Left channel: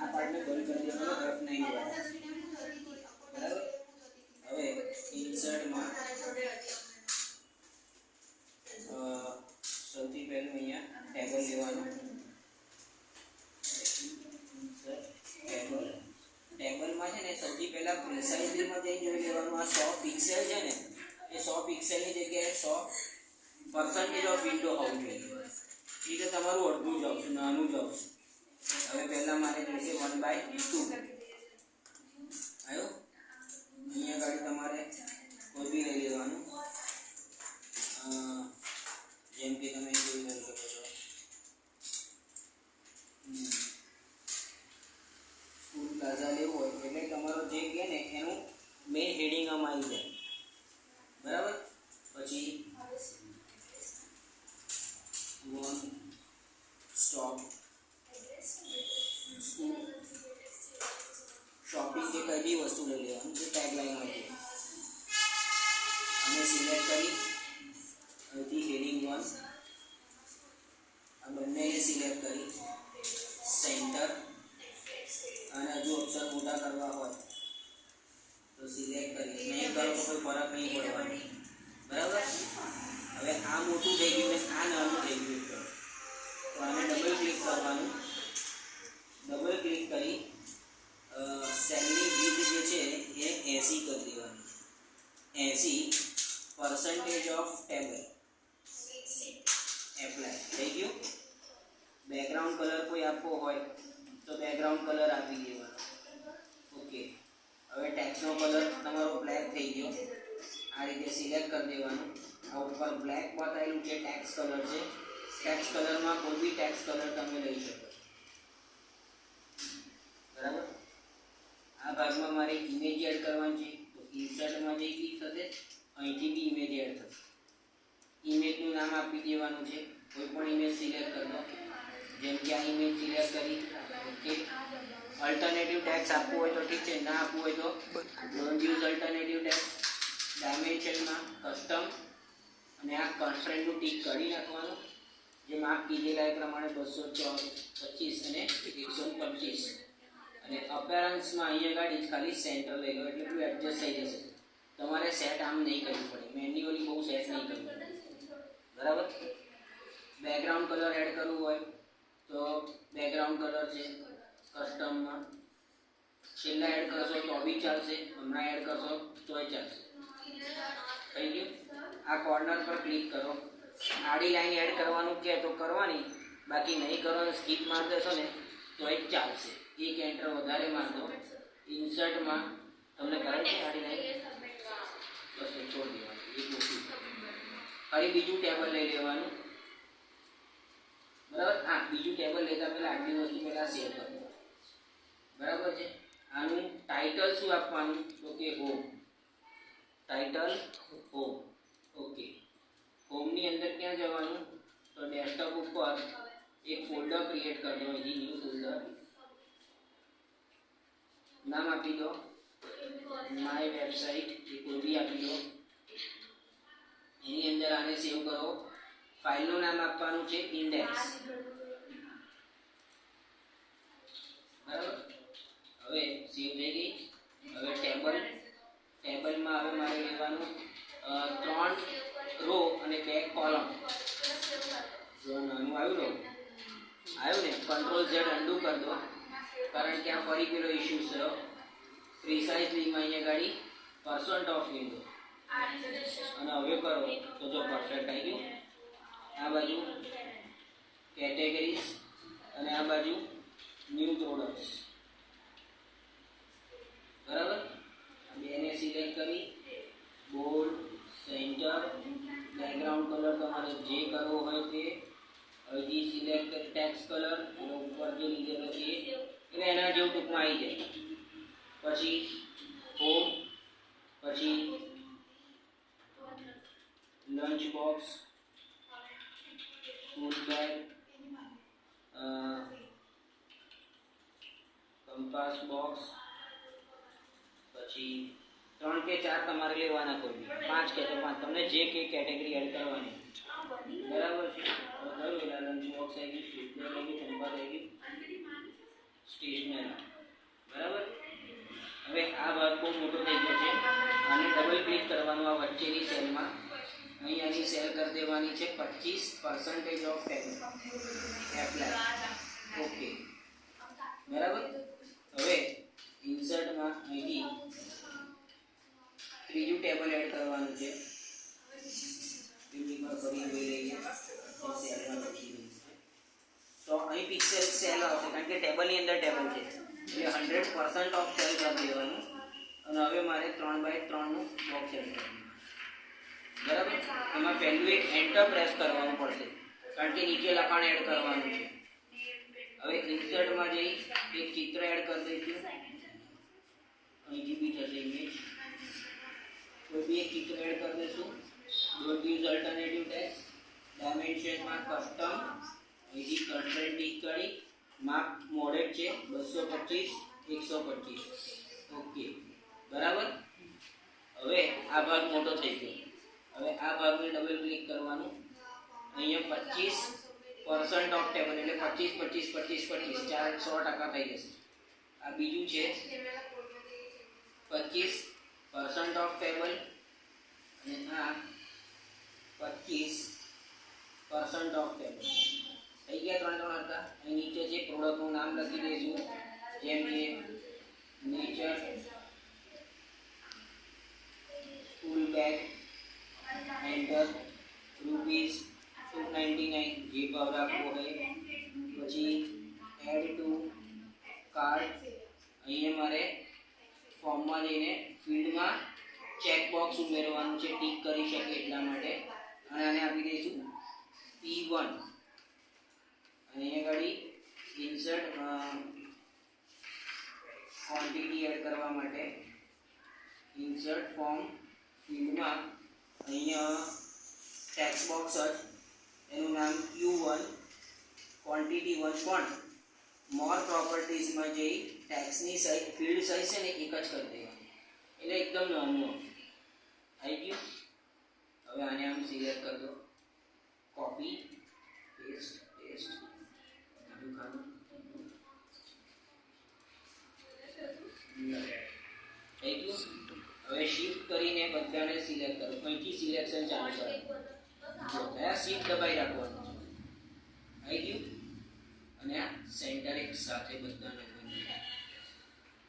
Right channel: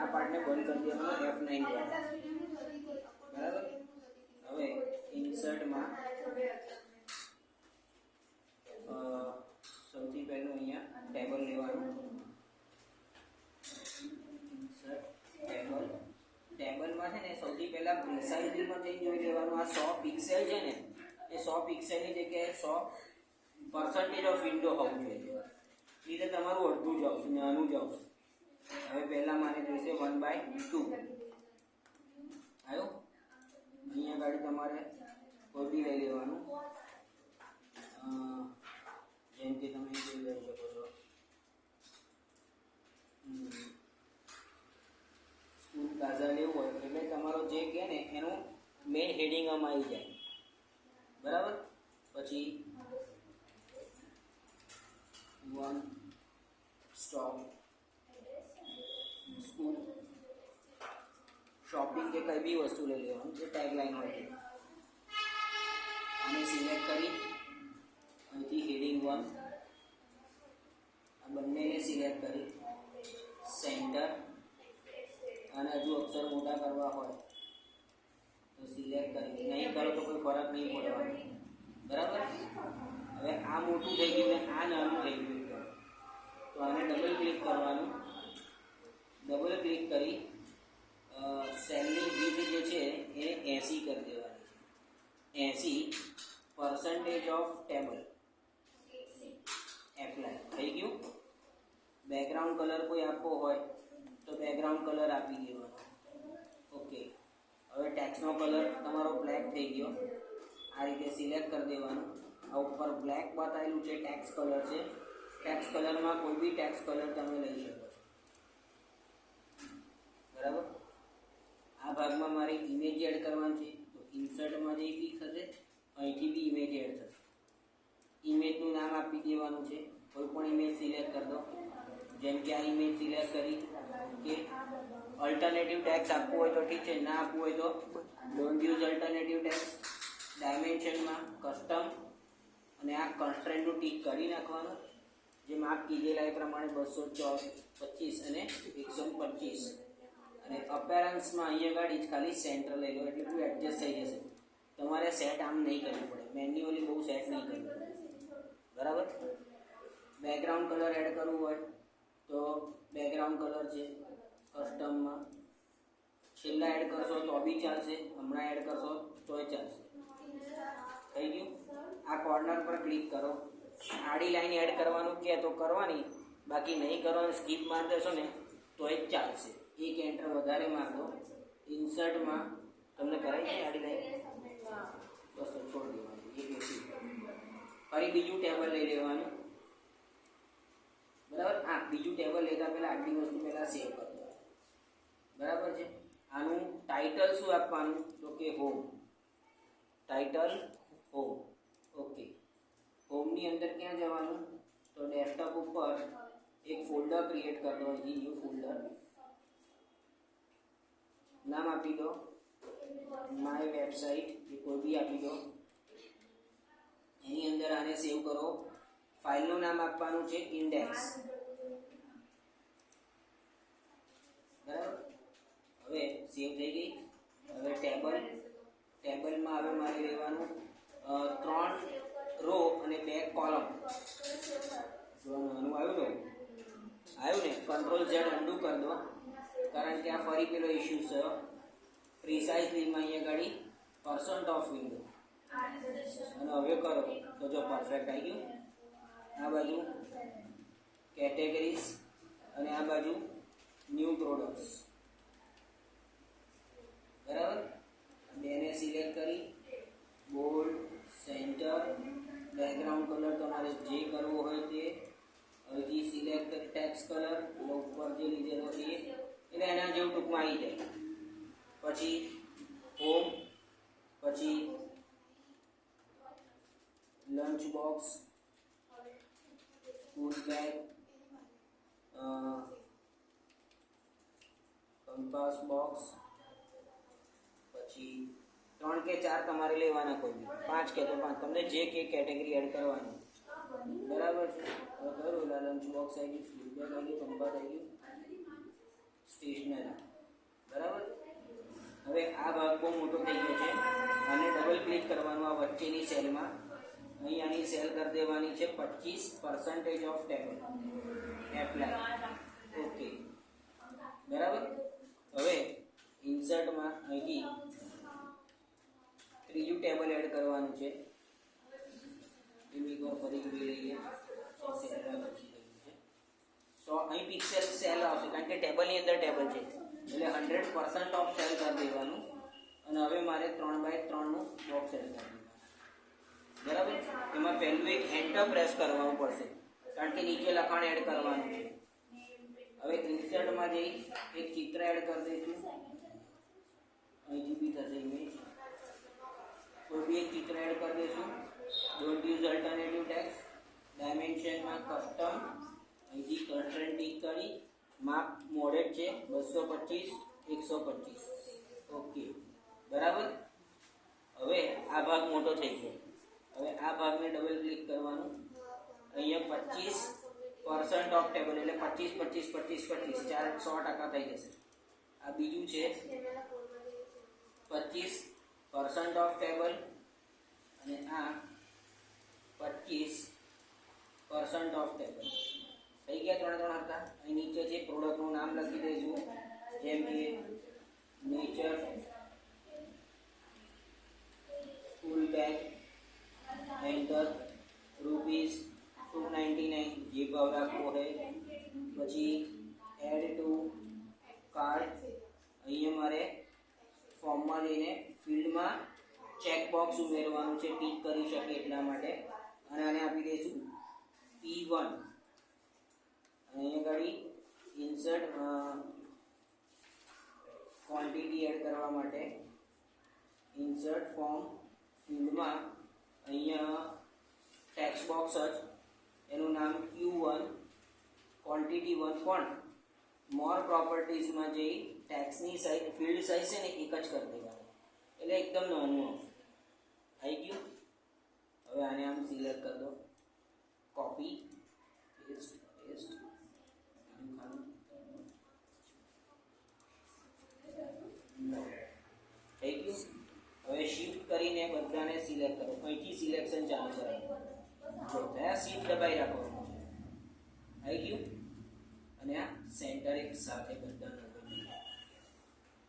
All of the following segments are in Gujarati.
આ પાર્ટને બંધ કરી દેવાનો F9 દ્વારા, બરાબર. હવે ઇન્સર્ટમાં સૌથી પહેલું અહીંયા ટેબલ લેવાનું, ટેબલમાં છે ને સૌથી પહેલાં પ્રિસાઇઝલીમાં જઈને જોઈ લેવાનું. આ 100 પિક્સેલ છે ને એ 100 પિક્સેલની જગ્યાએ 100% ઓફ વિન્ડો હોવું જોઈએ. એ તો તમારું અડધું જ આવશે, નાનું જ આવશે. હવે પહેલાં મારે જોઈશે 1/2 આવ્યો. અહીંયા ગાડી તમારે કોઈ બી લઈ લેવાનું, જેમ કે તમે જોઈ લઈ શકો છો સ્કૂલ પ્લાઝા લેવું હોય એટલે તમારો જે કહે ને એનું મેઇન હેડિંગ આમાં આવી જાય, બરાબર. પછી વન સ્ટોપ સ્કૂલ શોપિંગ કે કઈ બી વસ્તુ લઈ લેવાનું જે ટેગલાઇન હોય છે, અને સિલેક્ટ કરી અહીંથી હેડિંગ 1 આ બંનેને સિલેક્ટ કરી સેન્ટર, અને હજુ અક્ષર મોટા કરવા હોય તો સિલેક્ટ કરી, નહીં કરો તો કોઈ ફરક નહીં પડવાનો, બરાબર. હવે આ મોટું થઈ ગયું ને આ નાનું થઈ ગયું તો આને ડબલ ક્લિક કરવાનું, ડબલ ક્લિક કરી સેલની વિડ્થ જે છે એ 80 કરી દેવાની, 80% ઓફ ટેબલ એપ્લાય થઈ ગયું. બેકગ્રાઉન્ડ કલર કોઈ આપવો હોય તો બેકગ્રાઉન્ડ કલર આપી દેવાનો, ઓકે. હવે ટેક્સ્ટનો કલર તમારો બ્લેક થઈ ગયો, આ રીતે સિલેક્ટ કરી દેવાનું. આ ઉપર બ્લેક બતાવેલું છે ટેક્સ્ટ કલર છે, ટેક્સ્ટ કલરમાં કોઈ બી ટેક્સ્ટ કલર તમે લઈ શકો છો, બરાબર. આ ભાગમાં મારે ઇમેજ એડ કરવાની છે તો ઇન્સર્ટમાં જઈ ક્લિક થશે, અહીંથી બી ઇમેજ એડ થશે. ઇમેજનું નામ આપી દેવાનું છે, કોઈ પણ ઇમેજ સિલેક્ટ કરી દો, જેમ કે આ ઇમેજ સિલેક્ટ કરી કે અલ્ટરનેટિવ ટેક્સ્ટ આપવું હોય તો ઠીક છે, ના આપવું હોય તો ડોન્ટ યુઝ અલ્ટરનેટિવ ટેક્સ્ટ. ડાયમેન્શનમાં કસ્ટમ અને આ કન્સ્ટ્રેન્ટનું ટીક કરી નાખવાનું, જે માપ કીધેલા એ પ્રમાણે 225 અને 125. અને અપેરન્સમાં અહીંયા ગાડી જ ખાલી સેન્ટર લઈ લો એટલે બધું એડજસ્ટ થઈ જશે. તમારે સેટ આમ નહીં કરવું પડે, મેન્યુઅલી બહુ સેટ નહીં કરવું પડે, બરાબર. બેકગ્રાઉન્ડ કલર એડ કરવું હોય તો બેકગ્રાઉન્ડ કલર છે કસ્ટમમાં, છેલ્લા એડ કરશો તો બી ચાલશે, હમણાં એડ કરશો તોય ચાલશે. થઈ ગયું. આ કોર્નર પર ક્લિક કરો, આડી લાઈન એડ કરવાનું કે તો કરવાની, બાકી નહીં કરવાનું સ્કીપ માર દેશો ને તો એ ચાલશે. એક એન્ટર વધારે માર દો, ઇન્સર્ટમાં તમને કરે છે આડી લાઈન, બસ છોડી દેવાની, એક ઓછી. ફરી બીજું ટેબલ લઈ લેવાનું, બરાબર. હા, બીજું ટેબલ લેતા પહેલાં આટલી વસ્તુ પહેલાં સેવ કરી દો, બરાબર છે. આનું ટાઇટલ શું આપવાનું તો કે હોમ, ટાઇટલ હોમ, ઓકે. હોમની અંદર ક્યાં જવાનું તો ડેસ્કટોપ ઉપર એક ફોલ્ડર ક્રિએટ કરી દો, અહીંથી ન્યૂ ફોલ્ડર, નામ આપી દો માય વેબસાઇટ કે કોઈ બી આપી દો. એની અંદર આને સેવ કરો. ફાઇલનું નામ આપવાનું છે ઇન્ડેક્સ, બરાબર. હવે સેવ થઈ ગઈ. હવે ટેબલમાં હવે મારે લેવાનું 3 રો અને 2 કોલમ. જો નાનું આવ્યું ને કંટ્રોલ Z અન્ડુ કરી દો, કારણ કે આ ફરી પેલો ઇશ્યુ થયો. પ્રિસાઇઝલીમાં અહીંયા ગાડી % ઓફ વિન્ડો, અને હવે કરો તો જો પરફેક્ટ આવી ગયું. આ બાજુ કેટેગરીઝ અને આ બાજુ ન્યૂ પ્રોડક્ટ્સ, બરાબર. બેને સિલેક્ટ કરી બોલ્ડ, સેન્ટર, બેકગ્રાઉન્ડ કલર તમારે જે કરવો હોય તે, અહીંથી સિલેક્ટ કરી ટેક્સ્ટ કલર, એનો ઉપર જે લીધેલો છે એટલે એના જેવું ટૂંકમાં આવી જાય. પછી હોમ, પછી lunch box, school bag, compass box, પછી 3 કે 4 તમારે લેવાના, કોઈ 5 કે તો 5, તમને જે કે કેટેગરી એડ કરવાની, બરાબર છે. હવે કરું એટલે લંચ બોક્સ આવી ગયું, સ્કૂલ બેગ આવી ગયું, કંપાસ આવી ગયું, સ્ટેશનરી, બહુ મોટો થઈ ગયો છે. અને ડબલ ક્લિક કરવાનું આ વચ્ચેની સેલમાં, અહીંયાની સેલ કરી દેવાની છે 25% ઓફ ટેબલ એપ્લાય. ઓકે, બરાબર. હવે ઇન્સર્ટમાં અહીંથી ત્રીજું ટેબલ એડ કરવાનું છે. એકવાર ફરી જોઈ લઈએ. સેલમાં લખી દઈએ છે તો અહીં પિક્સેલ સેલ આવશે, કારણ કે ટેબલની અંદર ટેબલ છે એટલે 100% ઓફ સેલ કરી દેવાનું. અને હવે મારે 3x3 નું બોક્સ એડ કરવાનું, બરાબર. એમાં પહેલું એક એન્ટર પ્રેસ કરવાનું પડશે, કારણ કે નીચે લખાણ એડ કરવાનું છે. હવે ઇન્સર્ટમાં જઈ એક ચિત્ર એડ કરી દઈશું. અહીંથી બી થશે ઇમેજ, કોઈ બી એક ચિત્ર એડ કરી દઈશું. Don't use alternative text. ડાયમેન્શનમાં કસ્ટમ, અહીંથી કન્સ્ટ્રેન્ટ ટીક કરી માપ મોડેડ છે 225 125. ઓકે, બરાબર. હવે આ ભાગ મોટો થઈ ગયો. હવે આ ભાગને ડબલ ક્લિક કરવાનું. અહીંયા 25% ઓફ ટેબલ એટલે 25 25 25 25 ચાર 100% થઈ જશે. આ બીજું છે 25% ઓફ ટેબલ અને આ 25% ઓફ ટેબલ થઈ ગયા. 3 3 હતા. અહીં નીચે જે પ્રોડક્ટનું નામ લખી દઈશું, જેમ કે નેચર સ્કૂલ બેગ, એન્ટર ₹299 જે ભાવ રાખવો હોય. પછી એડ ટુ કાર્ટ, અહીંયા મારે ફોર્મમાં જઈને ફિલ્ડમાં ચેકબોક્સ ઉમેરવાનું છે, ટીક કરી શકે એટલા માટે. અને આને આપી દઈશું P1. અને અહીંયા આગળ ઇન્સર્ટ ક્વોન્ટિટી એડ કરવા માટે ઇન્સર્ટ ફોર્મ ફિલ્ડમાં અહીંયા ટેક્સ્ટ બોક્સ જ, એનું નામ Q1 ક્વોન્ટિટી 1. પણ મોર પ્રોપર્ટીઝમાં જઈ ટેક્સ્ટની સાઇઝ ફિલ્ડ સાઇઝ છે ને એક જ કરી દેવાની, એટલે એકદમ નાનું આવી ગયું. હવે આને આમ સિલેક્ટ કરી દો, કોપી પેસ્ટ પેસ્ટ બીજું ખાનું થઈ ગયું. હવે શિફ્ટ કરીને બધાને સિલેક્ટ કરો. અહીંથી સિલેક્શન ચાલુ કરો. જો થયા, શિફ્ટ દબાઈ રાખવાનું છે. આવી ગયું. અને આ સેન્ટર એક સાથે બધાને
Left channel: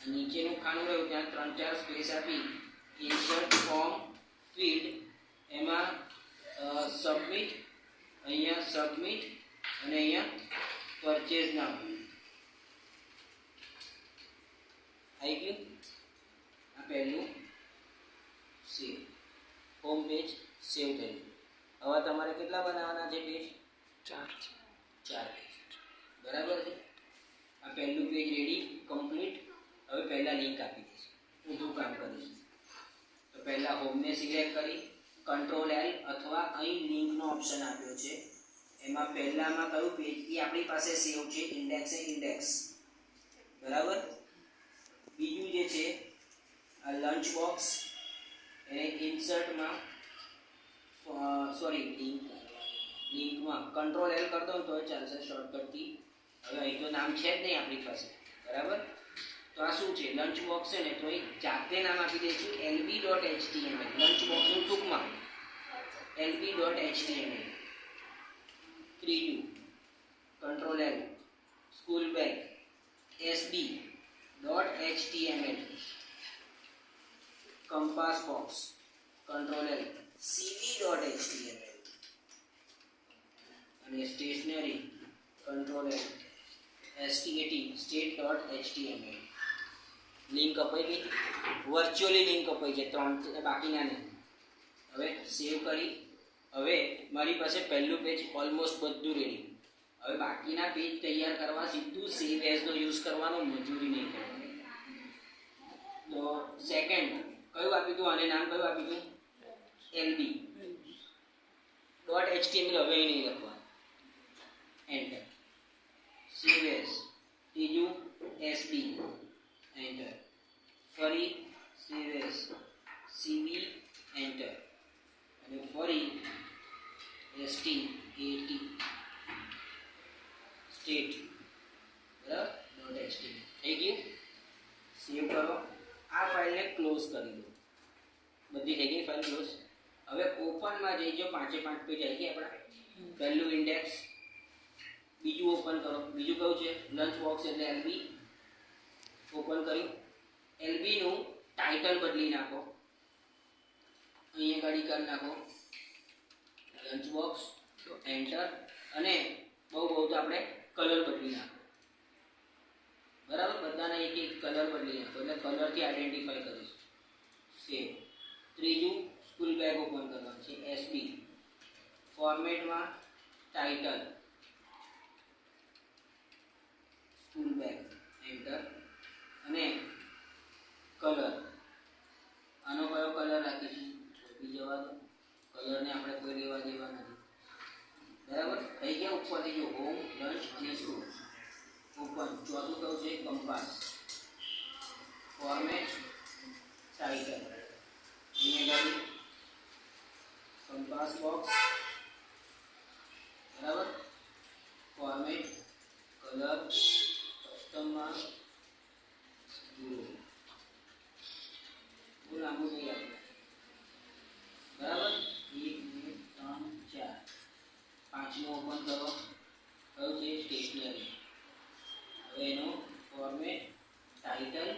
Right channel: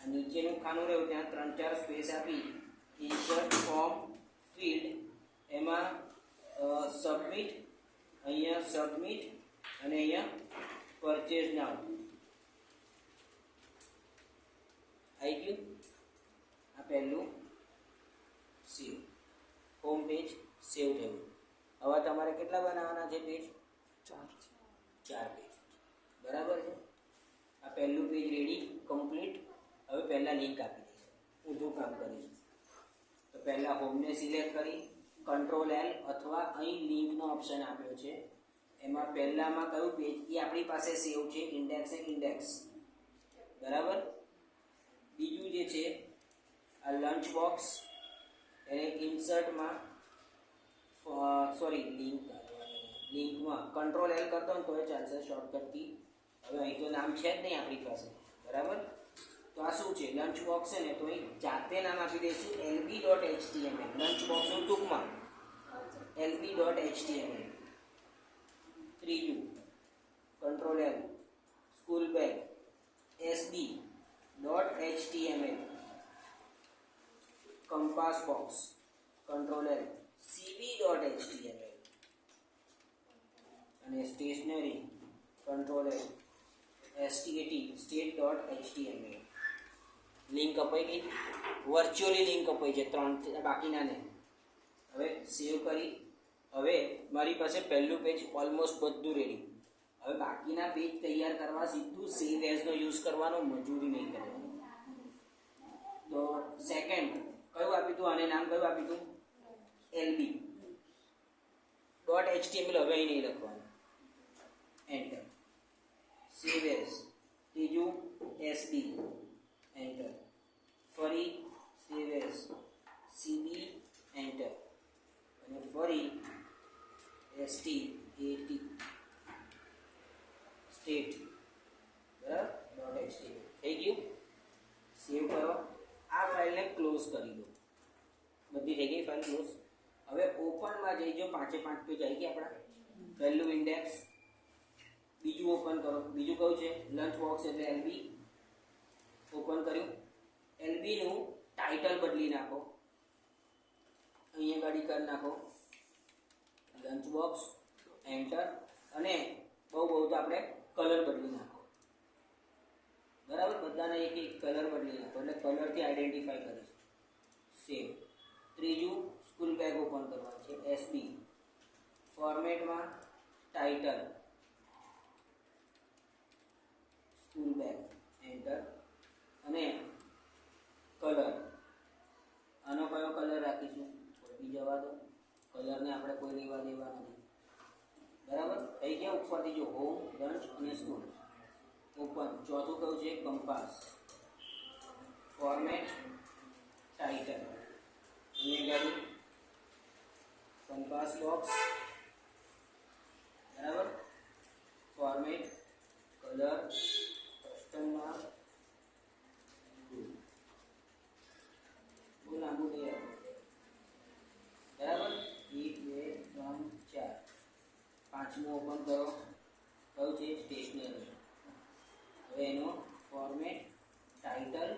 આ નીચેનું ખાનું રહ્યું ત્યાં 3 4 સ્પેસ આપી ઇન્સર્ટ ફોર્મ ફિલ્ડ, એમાં સબમિટ, અહીંયા સબમિટ અને અહીંયા પરચેઝ નામ આવી ગયું. આ પહેલું સેવ, હોમ પેજ સેવ થયું. હવે તમારે કેટલા બનાવવાના છે પેજ? 4 પેજ, બરાબર છે. આ પહેલું પેજ રેડી કમ્પ્લીટ. હવે પહેલાં લિંક આપી દઈશું, ઊંધું કામ કરીશું. તો પહેલાં હોમને સિલેક્ટ કરી Ctrl L અથવા અહીં લિંકનો ઓપ્શન આપ્યો છે, એમાં પહેલામાં કયું પેજ એ આપણી પાસે સેવ છે, ઇન્ડેક્સ એ ઇન્ડેક્સ, બરાબર. બીજું જે છે આ લંચ બોક્સ, એને ઇન્સર્ટમાં લિંકમાં Ctrl L કરી દો ને તો ચાલશે શોર્ટકટથી. હવે અહીં તો નામ છે જ નહીં આપણી પાસે, બરાબર. તો આ શું છે? લંચ બોક્સ છે ને, તો અહીં જાતે નામ આપી દઈશું lb.html. લંચ બોક્સનું ટૂંકમાં lb.html. ત્રીજું Ctrl L school bag sb.html. Compass box Ctrl L cv.html. અને stationary Ctrl L state.html. Link અપાઈ ગઈ, વર્ચ્યુઅલી લિંક અપાઈ છે, 3 બાકીના ને. હવે સેવ કરી. હવે મારી પાસે પહેલું પેજ ઓલમોસ્ટ બધું રેડી. હવે બાકીના પેજ તૈયાર કરવા સીધું સેવ એઝનો યુઝ કરવાનો, મજૂરી નહીં કરવાની. તો સેકન્ડ કયું આપ્યું હતું? આને નામ કયું આપ્યું હતું? lb.html. હવે અહીં નહીં લખવાનું, એન્ટર. Save as. ત્રીજું sb, એન્ટર. ફરી સેવ એઝ cv, એન્ટર. અને ફરી stat સ્ટેટ, બરાબર .html થઈ ગયું. સેવ કરો. આ ફાઇલને ક્લોઝ કરી દો. બધી થઈ ગઈ ફાઇલ ક્લોઝ. હવે ઓપનમાં જઈ જો 5 એ 5 પેજ આવી ગયા આપણા. પહેલું ઇન્ડેક્સ, બીજું ઓપન કરો. બીજું કયું છે? લંચ બોક્સ એટલે એલબી. ઓપન કર્યું. એલબી નું ટાઇટલ બદલી નાખો. અહીંયા ગાડી કરી નાખો લંચ બોક્સ, એન્ટર. અને બહુ તો આપણે કલર બદલી નાખો. બરાબર, બધાના એક એક કલર બદલી નાખો એટલે કલરથી આઈડેન્ટિફાઈ કરીશું. સેવ. ત્રીજું સ્કૂલ બેગ ઓપન કરવાનું છે, એસબી. ફોર્મેટમાં ટાઇટલ સ્કૂલ બેગ, એન્ટર. અને કલર, આનો કયો કલર રાખીશું? બી જવા દો, કલરને આપણે કોઈ લેવા દેવા નથી. બરાબર, થઈ ગયા. ઉપરથી જો હોમ, લંચ અને સ્કૂલ. ઓપન. ચોથું કયું છે? કંપાસ. ફોર્મેટ ટાઇટલ, અહીંયા ગાડી કંપાસ બોક્સ. બરાબર, ફોર્મેટ કલર કસ્ટમમાં બહુ લાંબુ નહીં આપો. બરાબર, 1 2 3 4. પાંચમું ઓપન કરો. કયું છે? સ્ટેશનરી. હવે એનો ફોર્મેટ ટાઇટલ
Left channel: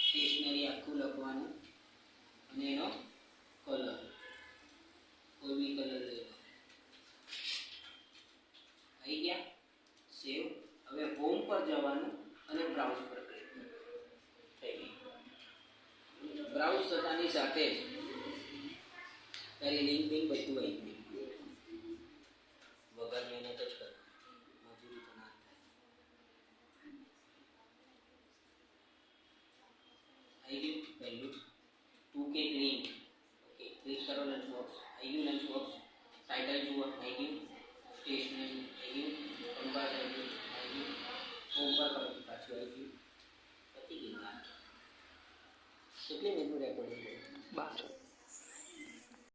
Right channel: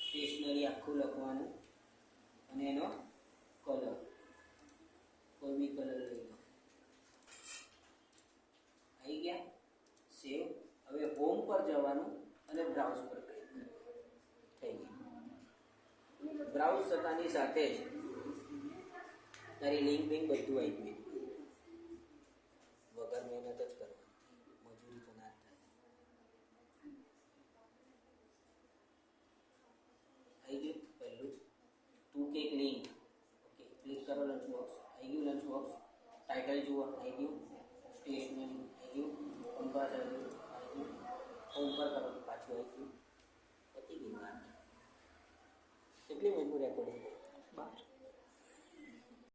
સ્ટેશનરી આખું લખવાનું અને એનો કલર કોઈ બી કલર લઈ લો. આવી ગયા. સેવ. હવે હોમ પર જવાનું અને બ્રાઉઝ પર ક્લિક. થઈ ગઈ. બ્રાઉઝ થતાની સાથે જ તારી લિંક બિંક બધું આવી ગયું. વગર મહેનત જ કર, મજૂરી તો ના થાય. આવી ગયું પહેલું 2K લિંક. ઓકે, ક્લિક કરો લંચ બોક્સ. આવી ગયું લંચ બોક્સ. ટાઇટલ જુઓ, આવી ગયું. સ્ટેશનરી આવી ગયું. કંપાસ આવી ગયું. હોમ પર કરો, પાછું આવી ગયું. પતી ગયું. કેટલી મિનિટનું રેકોર્ડિંગ કર્યું? 12.